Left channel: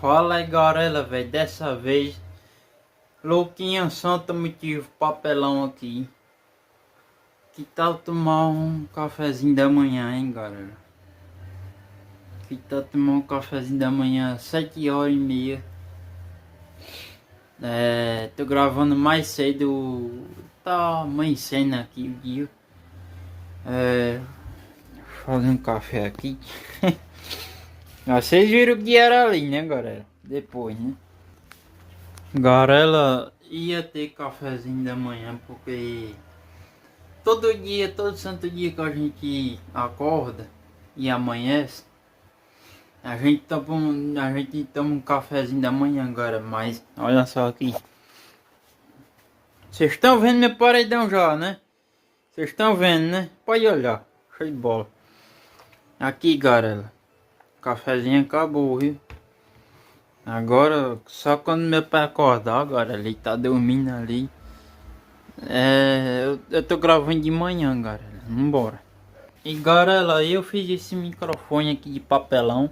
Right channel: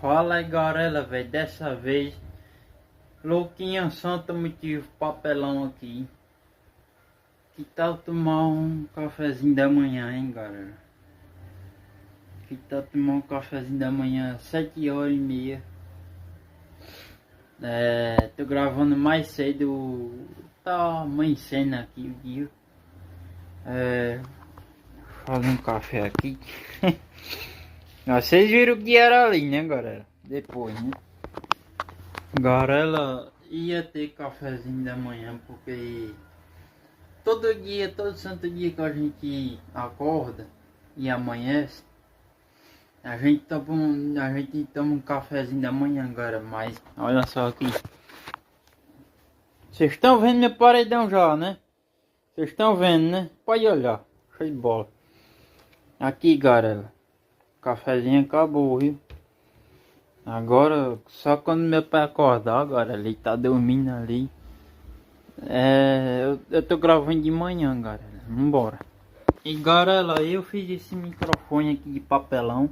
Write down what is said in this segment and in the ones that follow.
Fala aí, galera, velho. Dessa vez, Louquinha Santa motivo papelão aqui. Que tal tomar um cafezinho da manhã, hein, galera? Que tal tomar um cafezinho da manhã, 7h30. Tô gravando mais cedo. Tá amanhecendo aqui o dia. Fazer um café aqui. Vocês viram que era ali, né, galera? Depois, né? Galera, ia ter cafezinho da manhã porque todo dia, todo santo dia que a gente acorda e amanhece, a gente toma um cafezinho da manhã, galera. Mas olha só aqui. Vocês estão vendo meu paredão já, né? Vocês estão vendo, né? Pode olhar. Show de bola. Aqui, galera. O cafezinho acabou, viu? Agora, só quando meu pai acordar, agora ele tá dormindo ali. Eu tô gravando de manhã, galera. Vambora. E galera, eu fiz esse microfone aqui de papelão.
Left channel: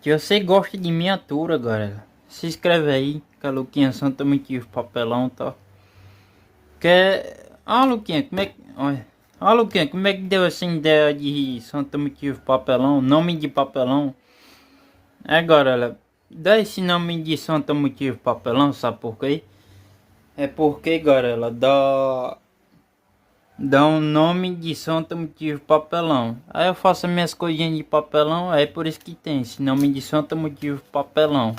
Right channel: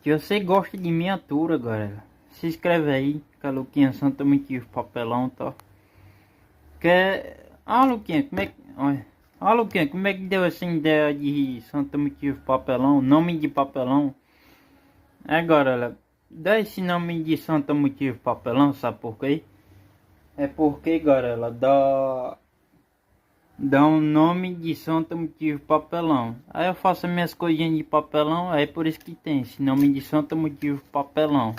Que você gosta de miniatura, galera. Se inscreve aí, que a Luquinha Santa motivo papelão, tá? Luquinha, como é que... Olha. Luquinha, como é que deu essa ideia de Santa motivo papelão? Nome de papelão? Galera, dá esse nome de Santa motivo papelão, sabe por quê? É porque, galera, dá um nome de Santa motivo papelão. Aí eu faço as minhas coisinhas de papelão, é por isso que tem esse nome de Santa motivo papelão.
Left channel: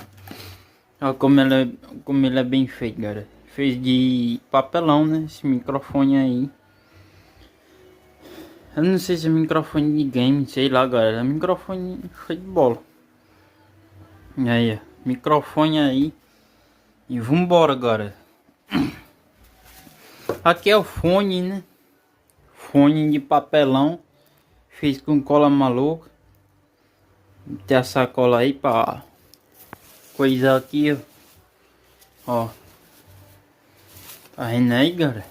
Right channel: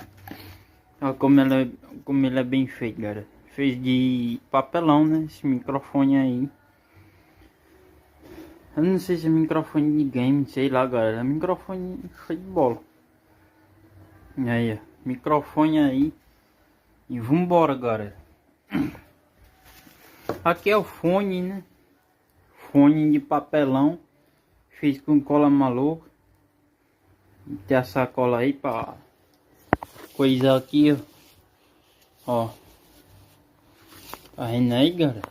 Olha como ele é bem feito, galera. Fez de papelão, né? Esse microfone aí. Eu não sei se é microfone de game, sei lá, galera. É microfone show de bola. E aí, ó, microfone aí. E vambora, galera. Aqui é o fone, né? Fone de papelão. Fiz com cola maluca. Tem a sacola aí pra coisar aqui, ó. Tá vendo aí, galera?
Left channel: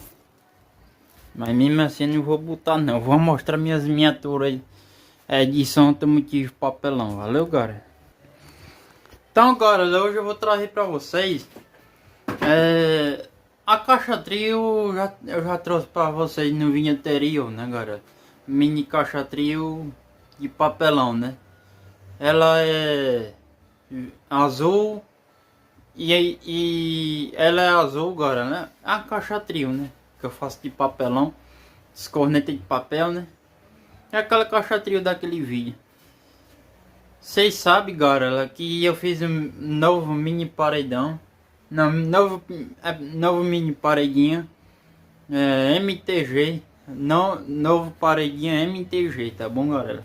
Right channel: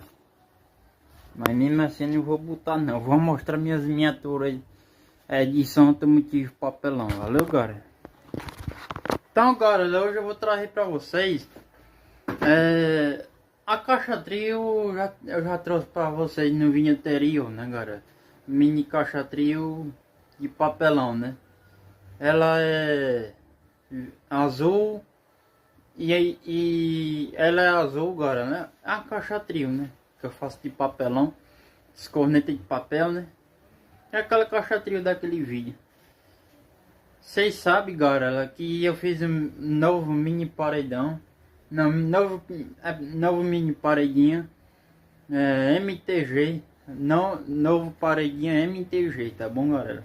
Mas mesmo assim eu não vou botar não. Vou mostrar minhas miniaturas aí. De Santa motivo papelão. Valeu, galera? Então, galera, hoje eu vou trazer pra vocês a caixa trio. Eu já trouxe pra vocês no vídeo anterior, né, galera? Mini caixa trio de papelão, né? Ela é azul e ela é azul, galera, né? A caixa trio, né? Que eu faço de papelão, corneta de papel, né? É aquela caixa trio daquele vídeo. Vocês sabem, galera, que eu fiz um novo mini paredão. Não, novo mini paredinha MTG. Não, novo paredinha MTG, tá bom, galera?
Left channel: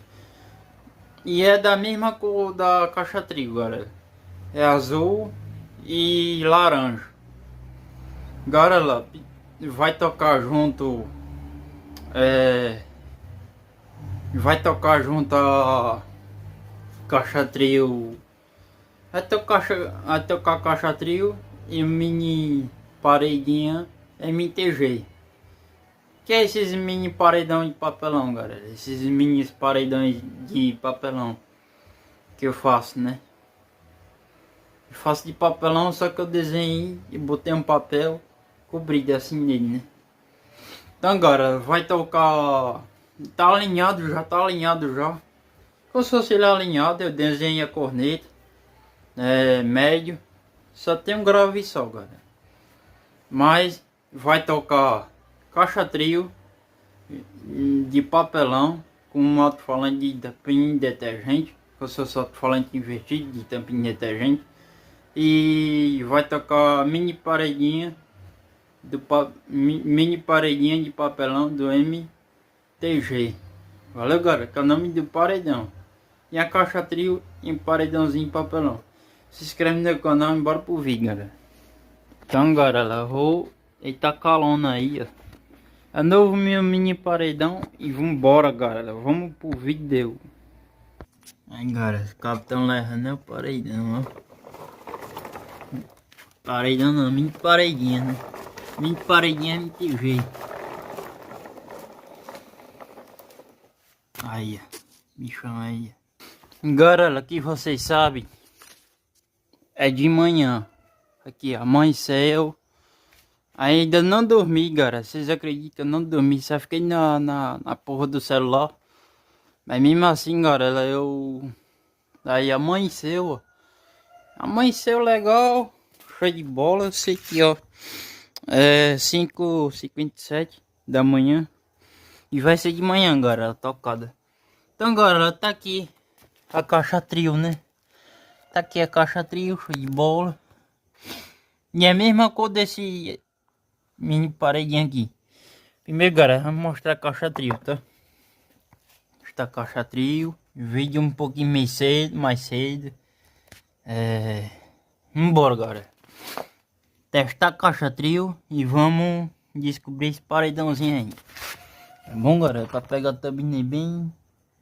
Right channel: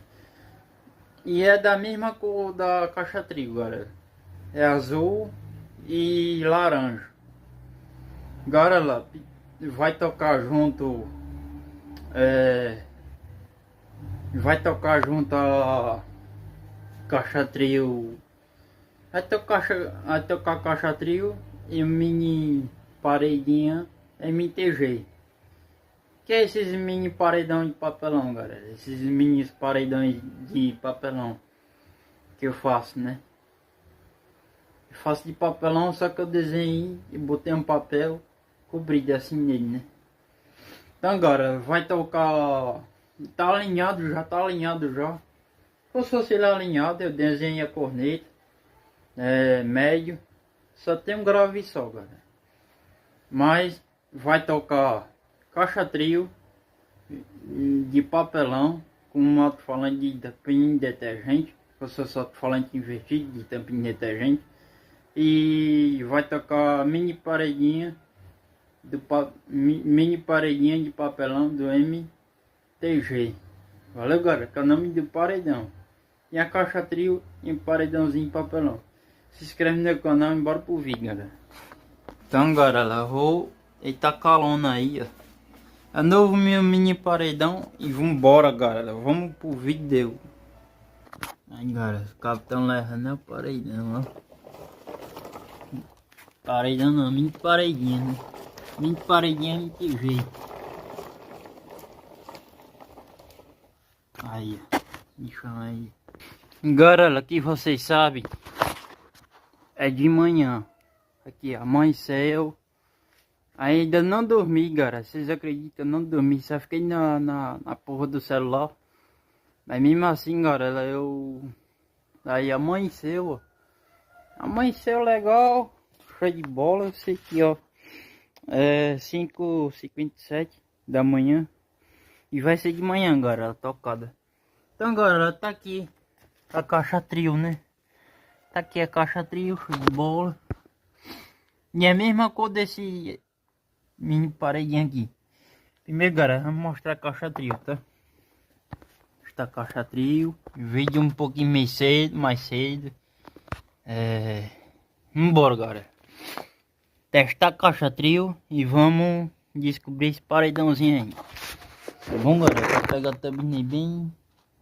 E é da mesma cor da caixa trio, galera. É azul e laranja. Galera, vai tocar junto. Vai tocar junto a caixa trio. Vai tocar caixa trio e mini paredinha MTG. Que é esses mini paredão de papelão, galera? Esses mini paredões de papelão que eu faço, né? Eu faço de papelão, só que eu desenhei e botei um papel cobrido assim nele, né? Então, galera, vai tocar. Tá alinhado, já tá alinhado já. Como se fosse ele alinhado, eu desenhei a corneta. Médio. Só tem um grave só, galera. Mas vai tocar caixa trio de papelão com um alto-falante de tampinha de detergente. Eu sou só alto-falante invertido de tampinha de detergente. E vai tocar mini paredinha mini paredinha de papelão do MTG. Valeu, galera, que é o nome do paredão. E a caixa trio em paredãozinho de papelão. Se inscreve no canal e bora pro vídeo, galera. Então, galera, eita calona aí, ó. É novo meu mini paredão e vambora, galera. Vamos pro vídeo. Aí, galera, o capitão levando o paredão, ó. Paredão não, mini paredinha, né? Mini paredinha MTG. Aí, ó. Bichão aí. Galera, que vocês sabem é de manhã. Aqui, amanheceu. Ainda não dormi, galera. Vocês acreditam que eu não dormi? Só fiquei na porra do celular. Mas mesmo assim, galera, aí amanheceu, ó. Amanheceu legal. Show de bola. Eu sei que, ó, é 5h57 da manhã. E vai ser de manhã, galera, tocada. Então, galera, tá aqui a caixa trio, né? Tá aqui a caixa trio, show de bola. E é a mesma cor desse mini paredinho aqui. Primeiro, galera, vamos mostrar a caixa trio, tá? Esta caixa trio. Vídeo um pouquinho mais cedo. Embora, galera. Testar a caixa trio e vamos descobrir esse paredãozinho aí. Tá bom, galera? Pra pegar também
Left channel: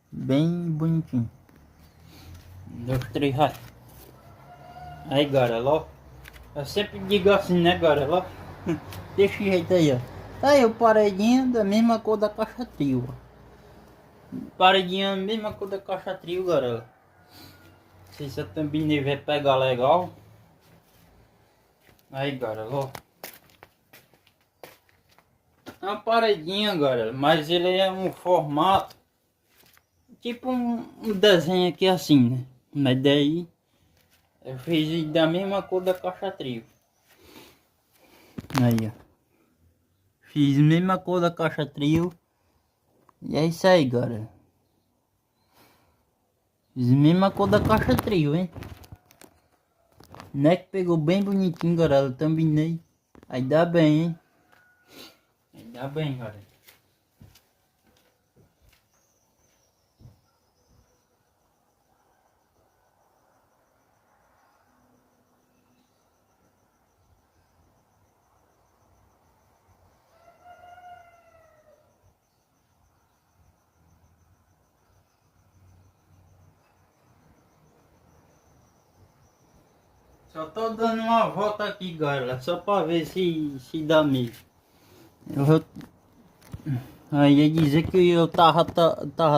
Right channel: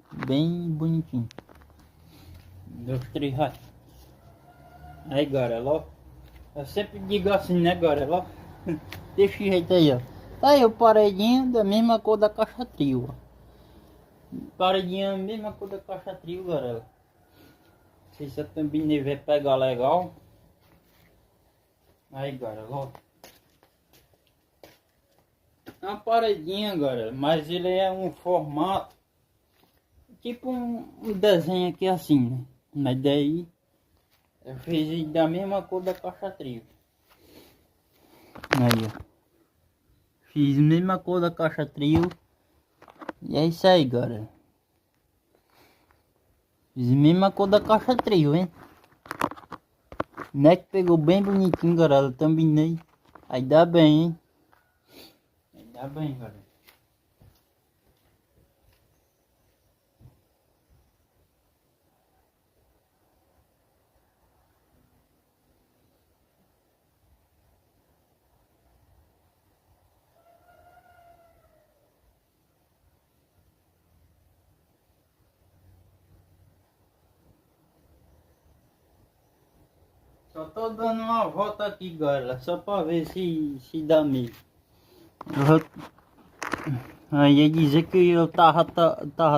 bem bonitinho. 2, 3, vai. Aí, galera, ó. Eu sempre digo assim, né, galera, ó. Desse jeito aí, ó. Tá aí o paredinho da mesma cor da caixa trio, ó. Paredinha mesma cor da caixa trio, galera. Não sei se a thumbnail vai pegar legal. Aí, galera, ó. É uma paredinha, galera, mas ele é um formato tipo um desenho aqui assim, né? Mas daí eu fiz da mesma cor da caixa trio. Aí, ó. Fiz a mesma cor da caixa trio. E é isso aí, galera. Fiz a mesma cor da caixa trio, hein? Né, que pegou bem bonitinho, galera. Também. Aí dá bem, hein? Aí dá bem, galera. Só tô dando uma volta aqui, galera, só pra ver se dá mesmo. Aí ia dizer que eu tava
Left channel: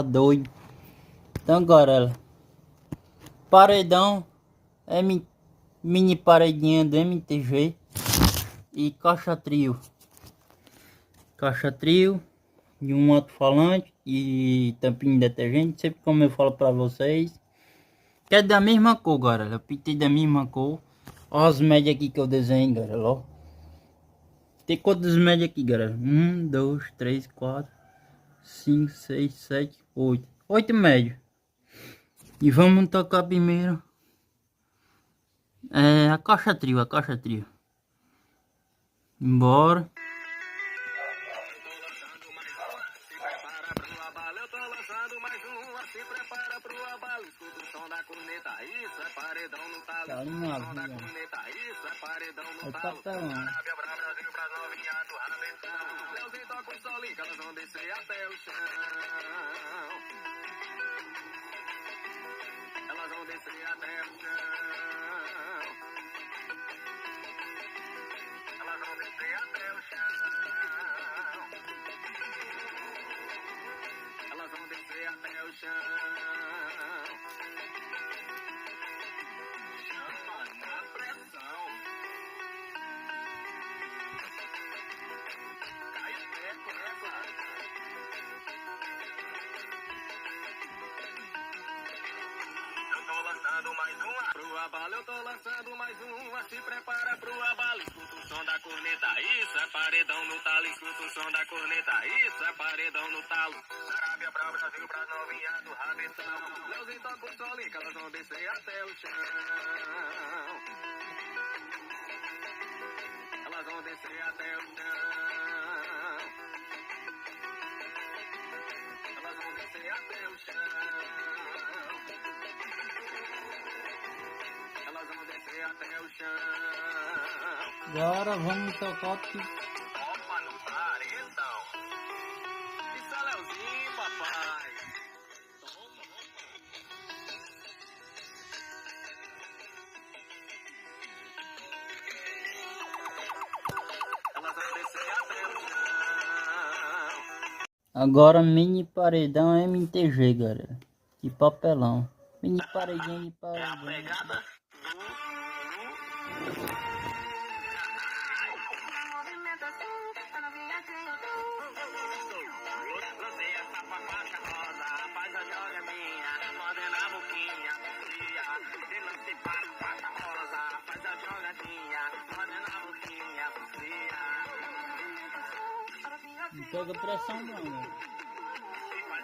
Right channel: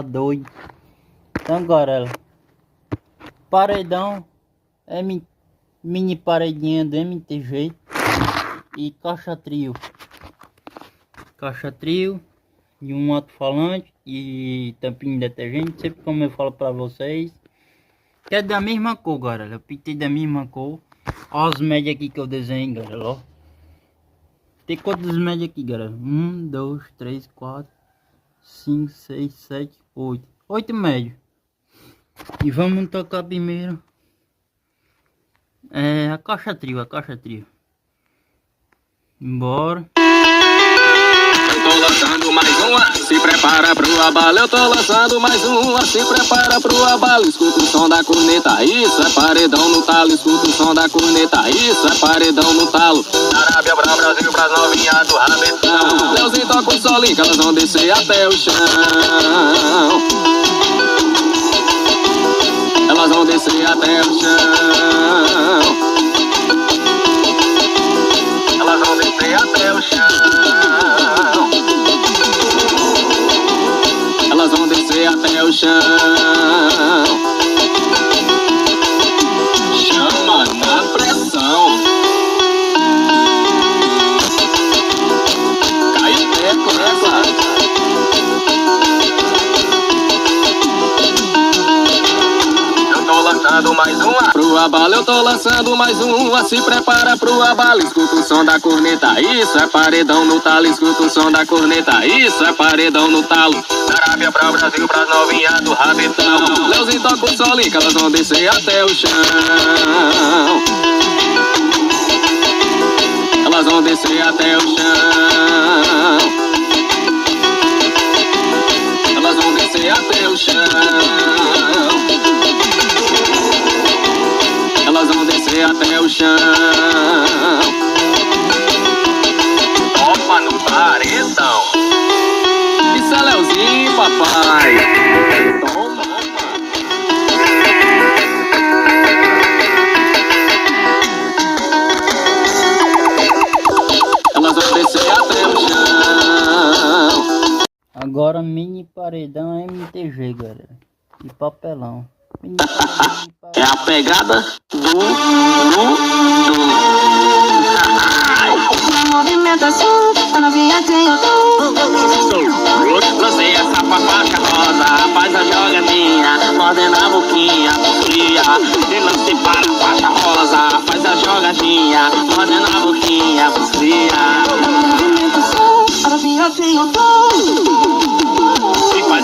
doido. Então, galera, paredão é mini paredinha do MTG e caixa trio. Caixa trio e um alto-falante e tampinha de detergente, sempre como eu falo pra vocês. Que é da mesma cor, galera. Eu pintei da mesma cor. Ó as médias aqui que eu desenhei, galera. Ó. Tem quantas médias aqui, galera? 1, 2, 3, 4, 5, 6, 7, 8. 8 médios. E vamos tocar primeiro. A caixa trio, Bora. Tô lançando mais uma, se prepara pro abalo. Eu tô lançando mais uma, se prepara pro abalo. Escuta o som da corneta, isso é paredão no talo. Escuta o som da corneta, isso é paredão no talo. Arábia pra Brasil, pras novinhas do rabetão. Leozinho toca o solinho que elas vão descer até o chão. Elas vão descer até o chão. Elas vão descer até o chão. Elas vão descer até o chão. Chama na pressão. Cai o teco nessa. Lançando mais uma pro abalo, eu tô lançando mais uma. Se prepara pro abalo, escuta o som da corneta, isso é paredão no talo. Escuta o som da corneta, isso é paredão no talo. Da Arábia pra Brasil, pras novinhas do rabetão. Leozinho toca o solinho que elas vão descer até o chão. Elas vão descer até o chão. Elas vão descer até o chão. Elas vão descer até o chão. Toma no paredão. Isso é Leozinho, papai. Toma. Elas vão descer até o chão. Agora mini paredão MTG, galera. E papelão. É a pegada do. Movimentação, a novinha tem o Lancei essa faixa rosa, faz a jogadinha, mordendo a boquinha, fria. E lancei para a faixa rosa, faz a jogadinha, mordendo a boquinha, fria. movimentação, a novinha tem o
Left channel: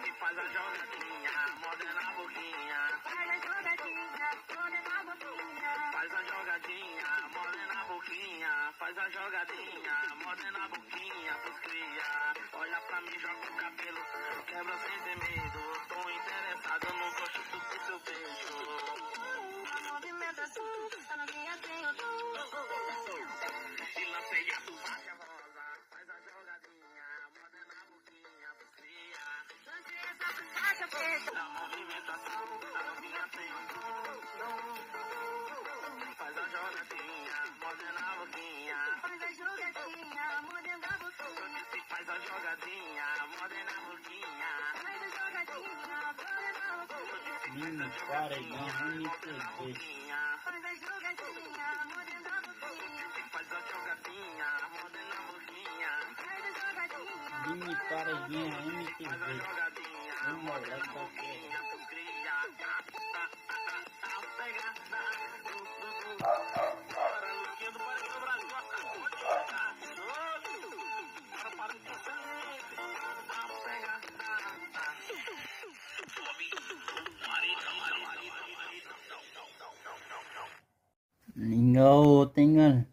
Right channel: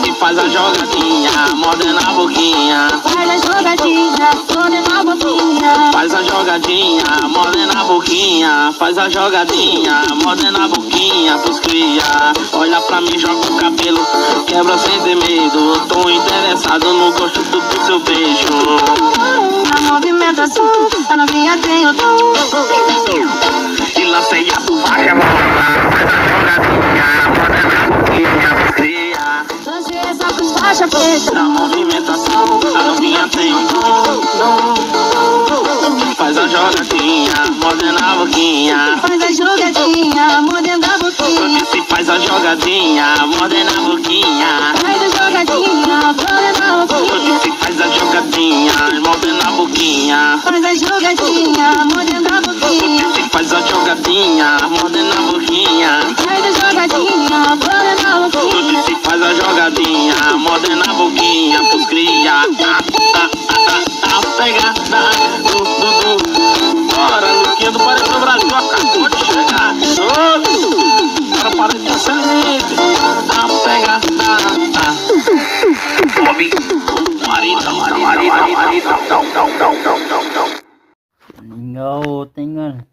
E faz a jogadinha, mordendo a boquinha. Faz a jogadinha, mordendo a boquinha. Faz a jogadinha, mordendo a boquinha. Faz a jogadinha, mordendo a boquinha pros cria. Olha pra mim, joga o cabelo, quebra sem ter medo. Tô interessado no gosto do seu beijo. A movimentação, a novinha tem o E lancei a faixa rosa, faz a jogadinha, mordendo a boquinha pros cria. Lancei essa faixa preta. Na movimentação, a novinha tem um Faz a jogadinha, mordendo a boquinha. Faz a jogadinha, mordendo a Eu boquinha. disse faz a jogadinha, mordendo a boquinha. Faz a jogadinha, mordendo a Eu boquinha. disse faz a jogadinha, mordendo a boquinha. Faz a jogadinha, mordendo a Eu boquinha. disse faz a jogadinha, mordendo a boquinha. Faz a jogadinha, mordendo a Eu boquinha. disse faz a jogadinha, mordendo a boquinha pros cria. A pegada do. Bora, Luquinha do Parede do Brasil, acabou de chegar. Agora para de ser limite. A pegada. Bob, marita. Ninguém outra, hein,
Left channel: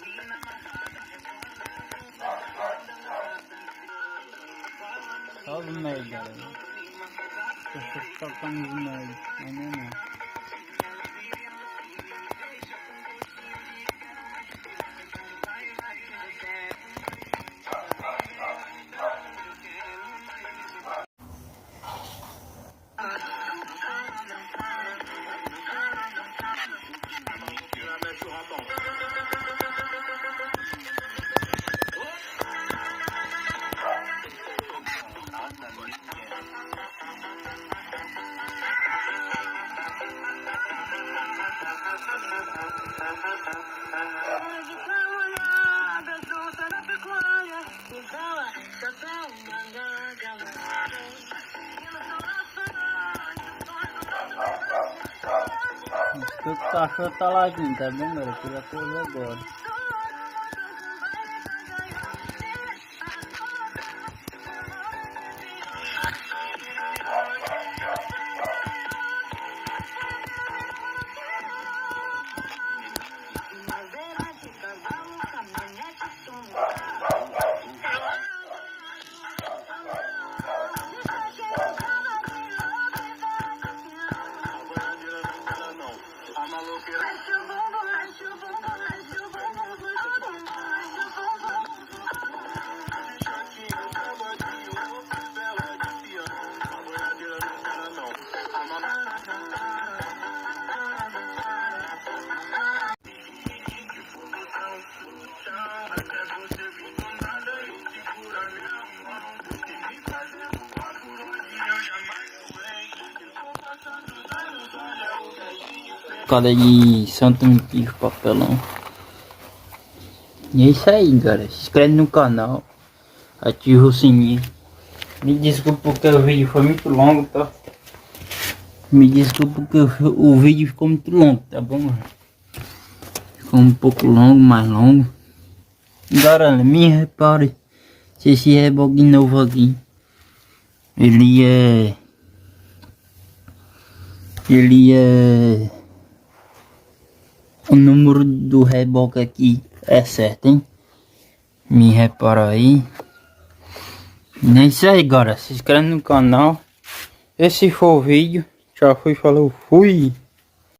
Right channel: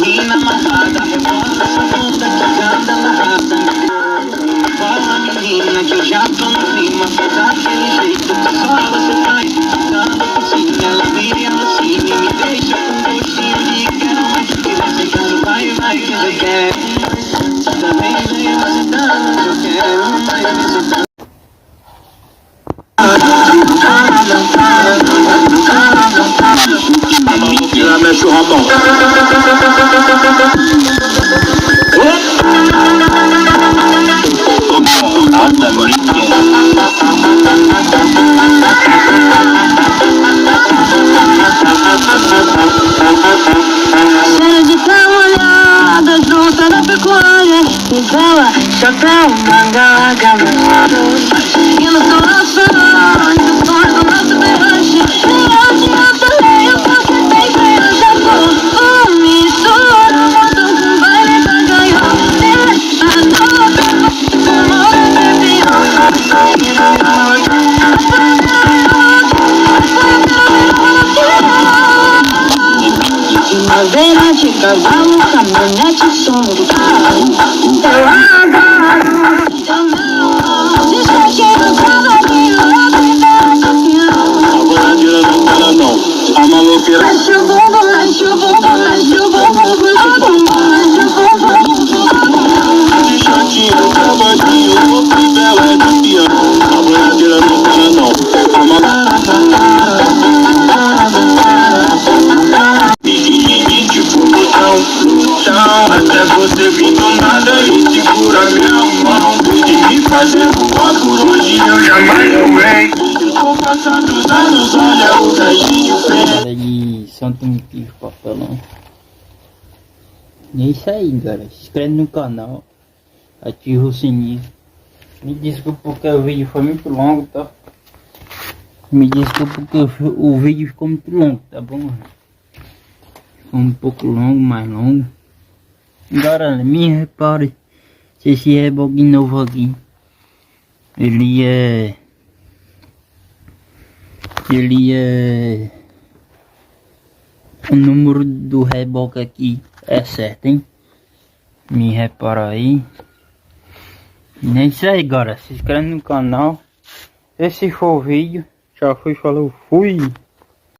Menina amarrada, rebola essa bunda que canta amarrada. Fala menina que eu já tô no clima, faz daquele jeito que só você faz. Dando por cima, ela vira e ela cima e me deixa com gostinho de quero mais. E você quer vai, que eu quero. Também vem você dando, eu quero mais você dando. Ela mexe o rabão. Cheira de tá molhada, junta na pecuária. E vela, chapéu, manga, gamado. E no coração, o sonho do nosso berranche. E eu também, eu posso sempre no Japão. Mistura, moto com baile da gaiola. A nota, amor é Madeira de cavalo, caminhonete, som do carro. Eu adoro, eu não. Descaqueiro, cavalinho, A bonadeira não para não. A maloqueira. mexe o bumbum, mexe o bumbum, mexe o bumbum, mexe o bumbum, mexe o bumbum. De chatinho, cavadinho, louco e bela de piano. A bonadeira não para não. A maloqueira. Tipo botão, até você vir do nada e segura minha mão. De me fazer voar por onde eu jamais voei. Com o passar dos anos, olha o velhinho fez. Falei de Santo Mipio Papelão. E é isso aí, galera. Se inscreve no canal. Ativa o sininho. Me desculpa porque o vídeo foi muito longo, tá? Me desculpa porque o vídeo ficou muito longo, tá bom? Ficou um pouco longo, mais longo. Galera, me repare se esse reboque novo aqui ele é o número do reboque aqui é certo, hein? Me repara aí. E é isso aí, galera. Se inscreve no canal. Esse foi o vídeo. Tchau, fui, falou, fui.